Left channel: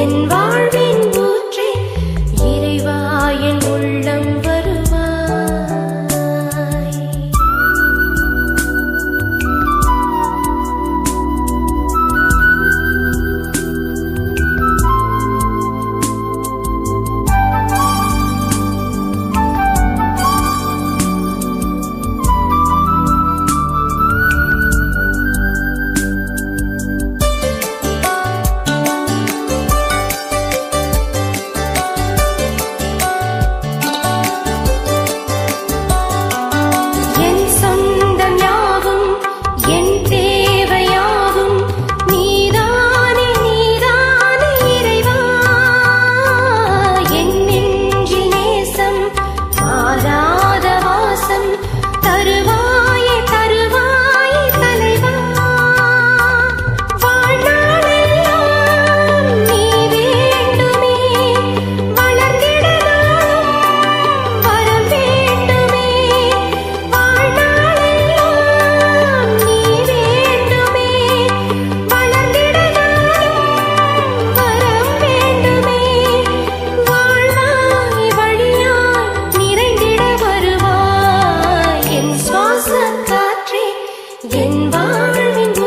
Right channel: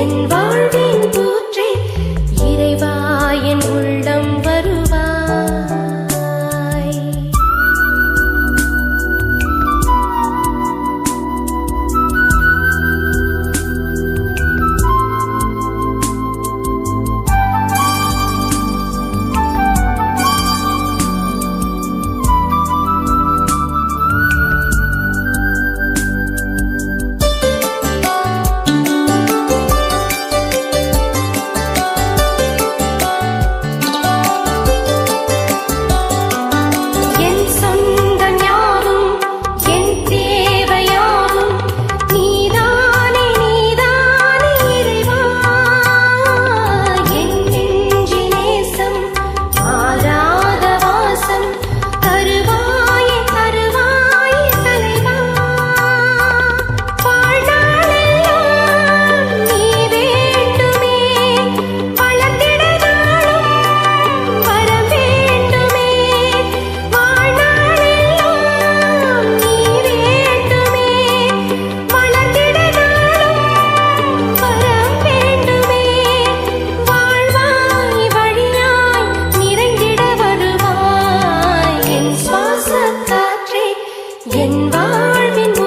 என் வாழ்வின் என் வாழ்வின்